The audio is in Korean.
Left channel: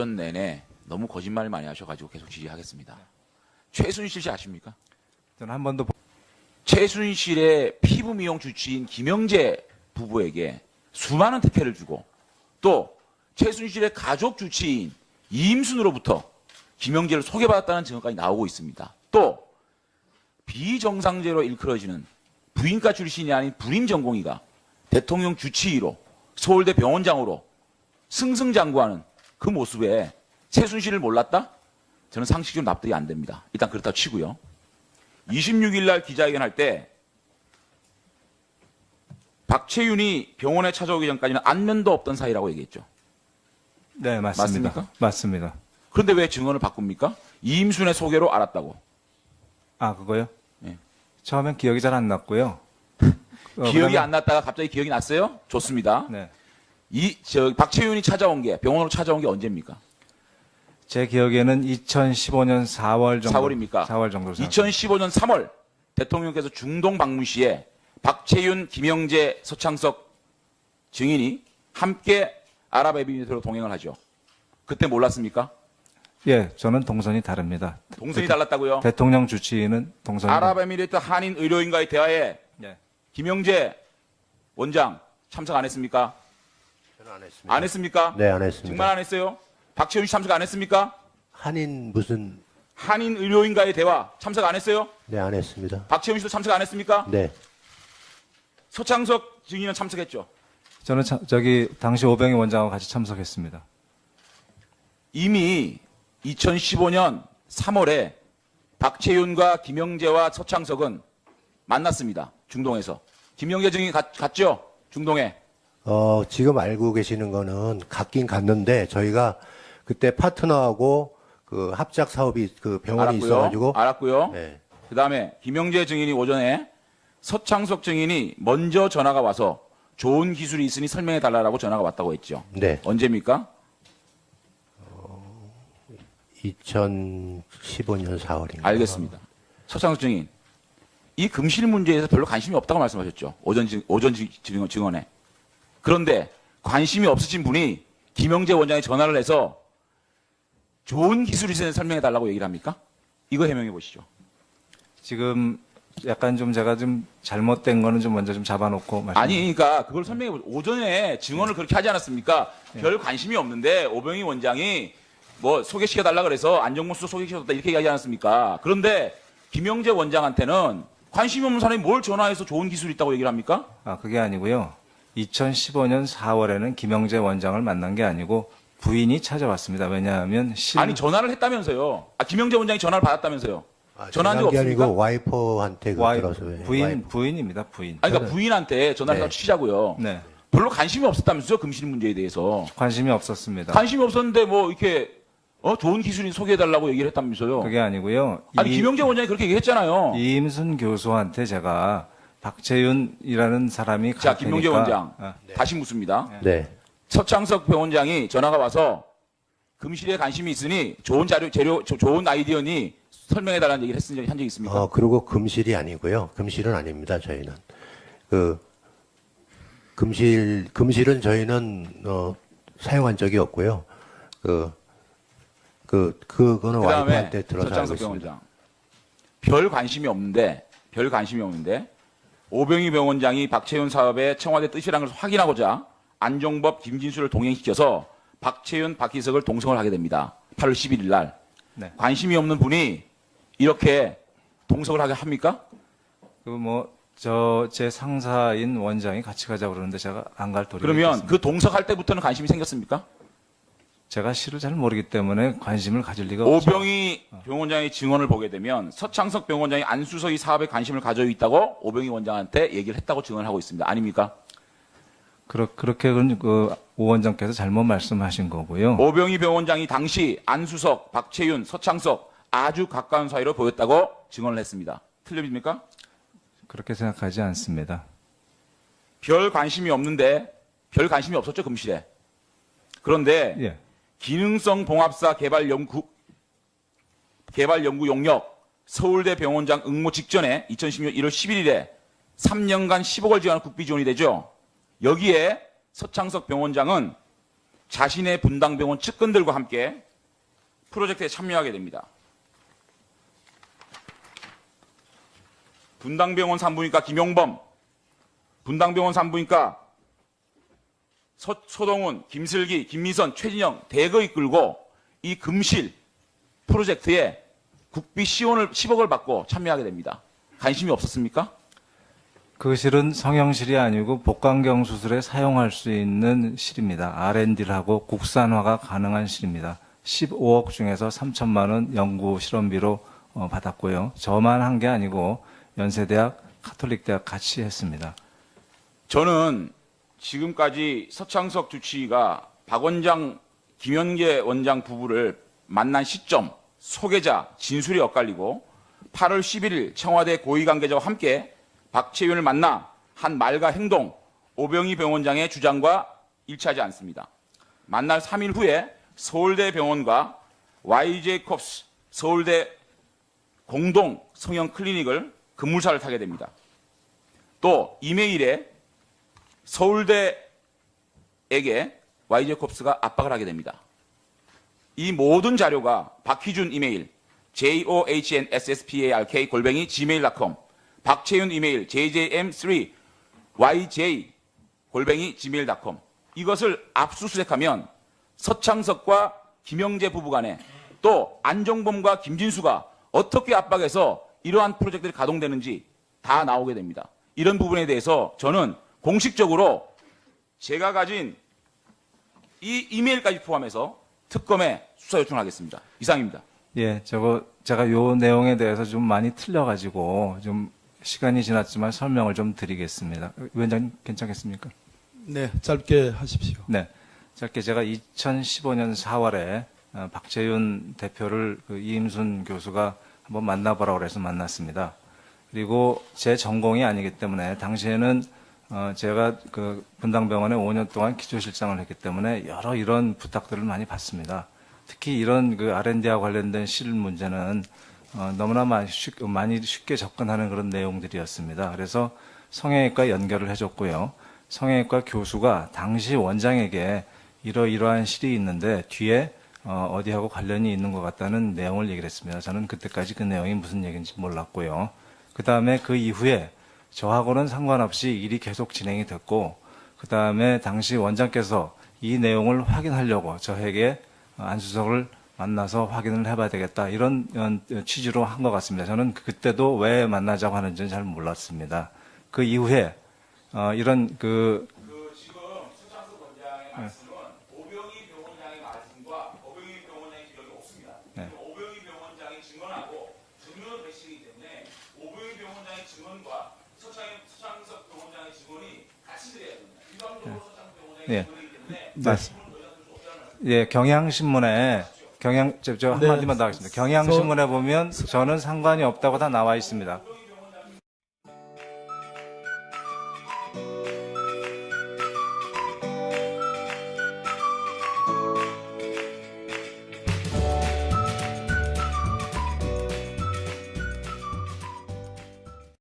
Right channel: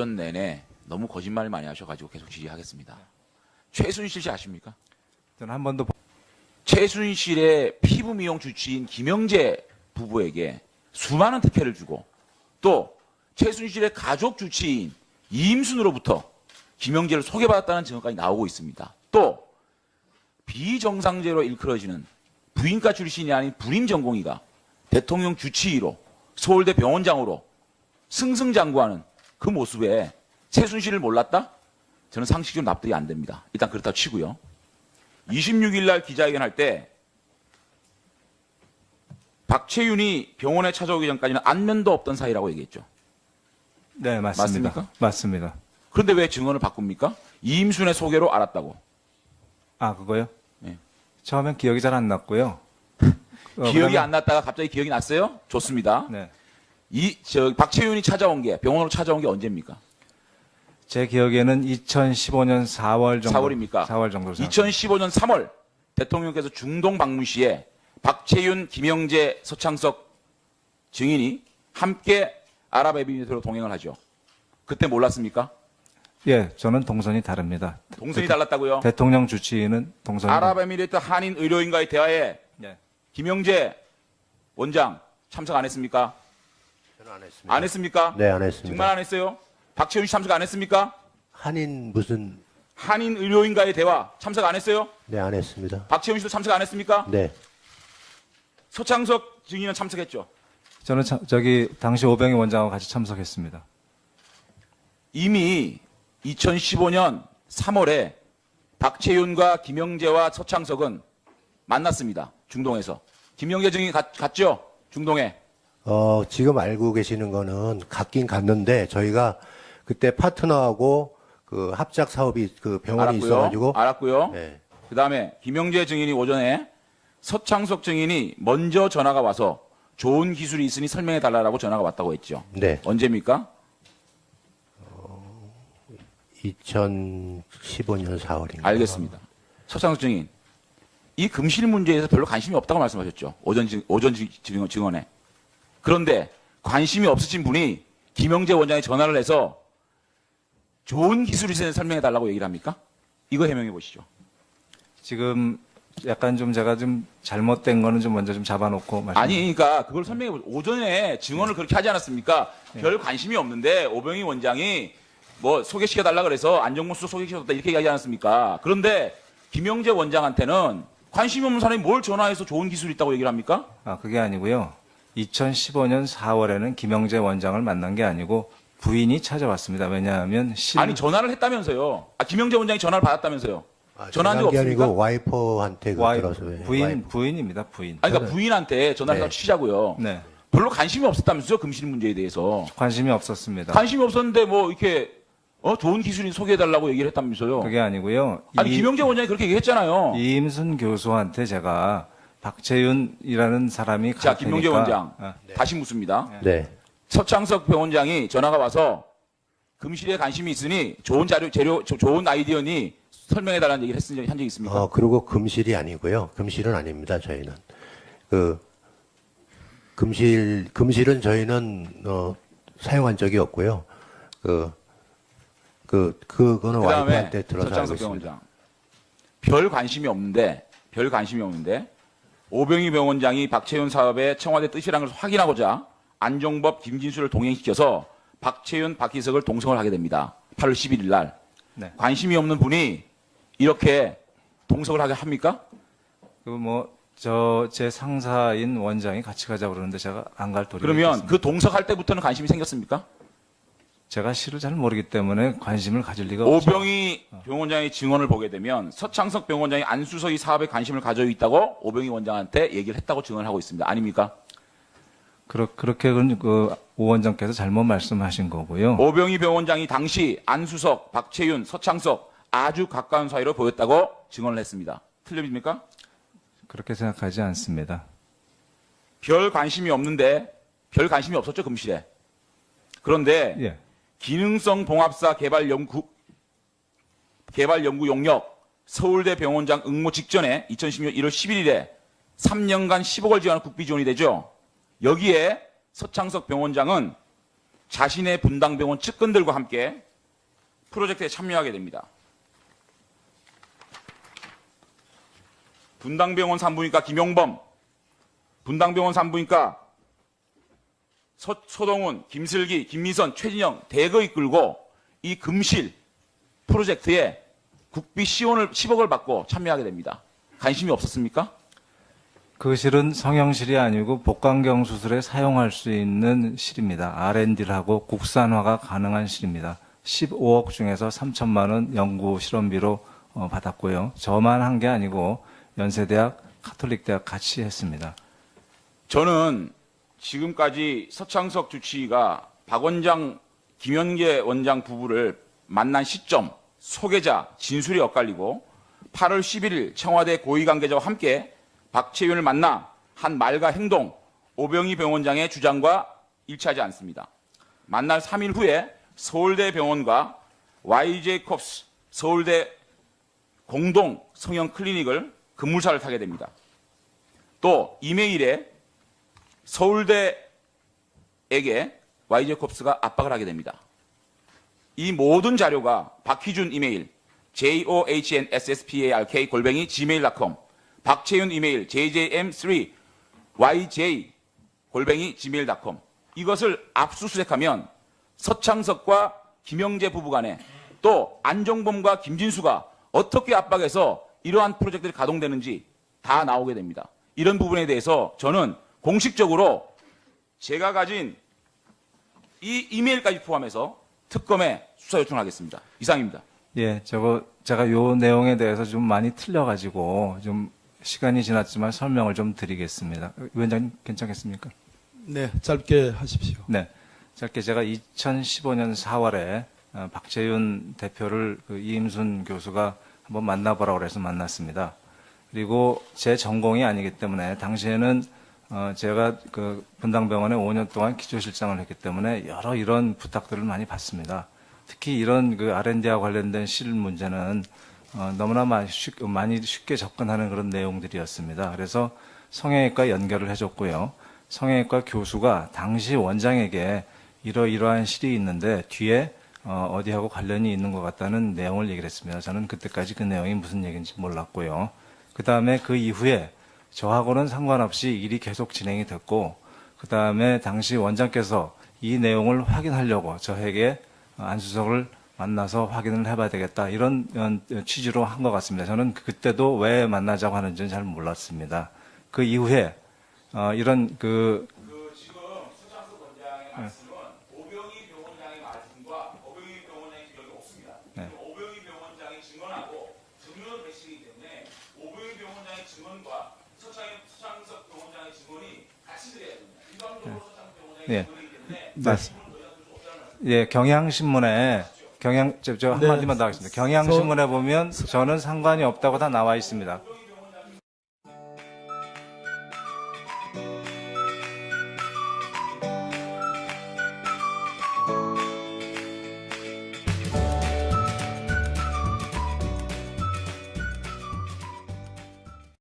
답변 내내 너무 거짓말 많이 하셔가지고 계속 지지하겠습니다. 최순실 씨 아십니까? 저는 한 번도 최순실의 피부 미용 주치인 김영재 부부에게 수많은 특혜를 주고 또 최순실의 가족 주치인 이임순으로부터 김영재를 소개받았다는 증언까지 나오고 있습니다. 또 비정상제로 일컬어지는 부인과 출신이 아닌 불임 전공의가 대통령 주치의로 서울대 병원장으로 승승장구하는 그 모습에 최순실을 몰랐다? 저는 상식적으로 납득이 안 됩니다. 일단 그렇다 치고요. 26일 날 기자회견할 때 박채윤이 병원에 찾아오기 전까지는 안면도 없던 사이라고 얘기했죠. 네, 맞습니다. 맞습니까? 맞습니다. 그런데 왜 증언을 바꿉니까? 이임순의 소개로 알았다고. 아, 그거요? 예. 처음엔 기억이 잘 안 났고요. 기억이 그러면- 안 났다가 갑자기 기억이 났어요? 좋습니다. 네. 박채윤이 찾아온 게 병원으로 찾아온 게 언제입니까? 제 기억에는 2015년 4월 정도. 4월입니까? 4월 정도. 2015년 3월 대통령께서 중동 방문 시에 박채윤, 김영재, 서창석 증인이 함께 아랍에미리트로 동행을 하죠. 그때 몰랐습니까? 예, 저는 동선이 다릅니다. 동선이 달랐다고요? 대통령 주치의는 동선이 아랍에미리트 한인 의료인과의 대화에 네. 김영재 원장 참석 안 했습니까? 저는 안 했습니다. 안 했습니까? 네, 안 했습니다. 정말 안 했어요? 박채윤 씨 참석 안 했습니까? 한인 무슨 한인 의료인과의 대화 참석 안 했어요? 네, 안 했습니다. 박채윤 씨도 참석 안 했습니까? 네. 서창석 증인은 참석했죠. 저는 당시 오병희 원장하고 같이 참석했습니다. 이미 2015년 3월에 박채윤과 김영재와 서창석은 만났습니다. 중동에서. 김영재 증인 갔죠? 중동에. 지금 알고 계시는 거는 갔긴 갔는데 저희가 그때 파트너하고 그 합작 사업이 그 병원에 있어가지고 알았고요. 네. 그 다음에 김영재 증인이 오전에 서창석 증인이 먼저 전화가 와서 좋은 기술이 있으니 설명해 달라고 전화가 왔다고 했죠. 네. 언제입니까? 2015년 4월입니다. 알겠습니다. 서창석 증인. 이 금실 문제에서 별로 관심이 없다고 말씀하셨죠. 오전 증언에. 그런데 관심이 없으신 분이 김영재 원장이 전화를 해서 좋은 기술이 있으니 설명해 달라고 얘기를 합니까? 이거 해명해 보시죠. 지금 약간 좀 제가 좀 잘못된 거는 좀 먼저 좀 잡아놓고 아니, 그러니까 그걸 설명해 보시죠. 오전에 증언을 그렇게 하지 않았습니까? 별 관심이 없는데 오병희 원장이 뭐 소개시켜 달라 그래서 안정근 수석 소개시켰다 이렇게 얘기하지 않았습니까? 그런데 김영재 원장한테는 관심이 없는 사람이 뭘 전화해서 좋은 기술이 있다고 얘기를 합니까? 아, 그게 아니고요. 2015년 4월에는 김영재 원장을 만난 게 아니고 부인이 찾아왔습니다. 왜냐하면 아니 전화를 했다면서요. 김영재 원장이 전화를 받았다면서요. 전화한 적 게 없습니까? 아니고 와이프한테 들어서 부인입니다. 부인. 아니, 그러니까 부인한테 전화를 네. 해서 치자고요. 네. 별로 관심이 없었다면서요. 금실 문제에 대해서. 관심이 없었습니다. 관심이 없었는데 뭐 이렇게 좋은 기술이 소개해달라고 얘기를 했다면서요. 그게 아니고요. 아니 김영재 원장이 그렇게 얘기했잖아요. 이임순 교수한테 제가 박채윤이라는 사람이 자, 갈 김영재 테니까 원장 네. 다시 묻습니다. 네. 서창석 병원장이 전화가 와서 금실에 관심이 있으니 좋은 좋은 아이디어니 설명해달라는 얘기를 한 적이 있습니까? 그리고 금실이 아니고요. 금실은 아닙니다. 저희는 금실은 저희는 사용한 적이 없고요. 그거는 와이프한테 들어서 알고 서창석 있습니다. 병원장 별 관심이 없는데 오병희 병원장이 박채윤 사업의 청와대 뜻이라는 것을 확인하고자 안종법, 김진수를 동행시켜서 박채윤, 박희석을 동성을 하게 됩니다. 8월 11일 날. 네. 관심이 없는 분이 이렇게 동성을 하게 합니까? 제 상사인 원장이 같이 가자고 그러는데 제가 안 갈 도리가 그러면 있겠습니다. 그 동석할 때부터는 관심이 생겼습니까? 제가 실을 잘 모르기 때문에 관심을 가질 리가 없죠. 오병희 병원장의 증언을 보게 되면 서창석 병원장이 안수서 이 사업에 관심을 가지고 있다고 오병희 원장한테 얘기를 했다고 증언하고 있습니다. 아닙니까? 그렇게 오 원장께서 잘못 말씀하신 거고요. 오병희 병원장이 당시 안수석, 박채윤, 서창석 아주 가까운 사이로 보였다고 증언을 했습니다. 틀립니까? 그렇게 생각하지 않습니다. 별 관심이 없었죠, 금실에. 그런데 예. 기능성 봉합사 개발 연구 용역 서울대 병원장 응모 직전에 2016년 1월 11일에 3년간 10억을 지원한 국비 지원이 되죠. 여기에 서창석 병원장은 자신의 분당병원 측근들과 함께 프로젝트에 참여하게 됩니다. 분당병원 산부인과 김용범, 분당병원 산부인과 소동훈, 김슬기, 김미선, 최진영 대거 이끌고 이 금실 프로젝트에 국비 10억을 받고 참여하게 됩니다. 관심이 없었습니까? 그 실은 성형실이 아니고 복강경 수술에 사용할 수 있는 실입니다. R&D를 하고 국산화가 가능한 실입니다. 15억 중에서 3천만 원 연구 실험비로 받았고요. 저만 한 게 아니고 연세대학, 가톨릭대학 같이 했습니다. 저는 지금까지 서창석 주치의가 박 원장, 김현계 원장 부부를 만난 시점, 소개자, 진술이 엇갈리고 8월 11일 청와대 고위관계자와 함께 박채윤을 만나 한 말과 행동, 오병희 병원장의 주장과 일치하지 않습니다. 만날 3일 후에 서울대 병원과 YJ콥스 서울대 공동 성형 클리닉을 급물살을 타게 됩니다. 또 이메일에 서울대에게 YJ콥스가 압박을 하게 됩니다. 이 모든 자료가 박희준 이메일 johnsspark@gmail.com, 박채윤 이메일 jjm3yj@gmail.com, 이것을 압수수색하면 서창석과 김영재 부부 간에 또 안종범과 김진수가 어떻게 압박해서 이러한 프로젝트들이 가동되는지 다 나오게 됩니다. 이런 부분에 대해서 저는 공식적으로 제가 가진 이 이메일까지 포함해서 특검에 수사 요청하겠습니다. 이상입니다. 예, 제가 요 내용에 대해서 좀 많이 틀려가지고 좀 시간이 지났지만 설명을 좀 드리겠습니다. 위원장님 괜찮겠습니까? 네, 짧게 하십시오. 네. 짧게 제가 2015년 4월에 박채윤 대표를 이임순 교수가 한번 만나보라고 그래서 만났습니다. 그리고 제 전공이 아니기 때문에 당시에는 제가 그 분당병원에 5년 동안 기초실장을 했기 때문에 여러 이런 부탁들을 많이 받습니다. 특히 이런 그 R&D와 관련된 실 문제는 너무나 많이 쉽게 접근하는 그런 내용들이었습니다. 그래서 성형외과 연결을 해줬고요. 성형외과 교수가 당시 원장에게 이러이러한 실이 있는데 뒤에 어디하고 관련이 있는 것 같다는 내용을 얘기를 했습니다. 저는 그때까지 그 내용이 무슨 얘기인지 몰랐고요. 그 다음에 그 이후에 저하고는 상관없이 일이 계속 진행이 됐고, 그 다음에 당시 원장께서 이 내용을 확인하려고 저에게 안수석을 만나서 확인을 해봐야 되겠다, 이런 취지로 한 것 같습니다. 저는 그때도 왜 만나자고 하는지는 잘 몰랐습니다. 그 이후에 이런 그 지금 서창석 원장의 말씀은 오병희 병원장의 말씀과 오병희 병원장의 기록이 없습니다. 네. 오병희 병원장의 증언하고 증언을 배치기 때문에 오병희 병원장의 증언과 서창석 병원장의 증언이 같이 돼야 됩니다. 일반적으로 서창석 병원장의 예. 증언이기 때문에 예, 경향신문에 저 네. 한마디만 더 하겠습니다. 경향신문에 보면 저는 상관이 없다고 다 나와 있습니다.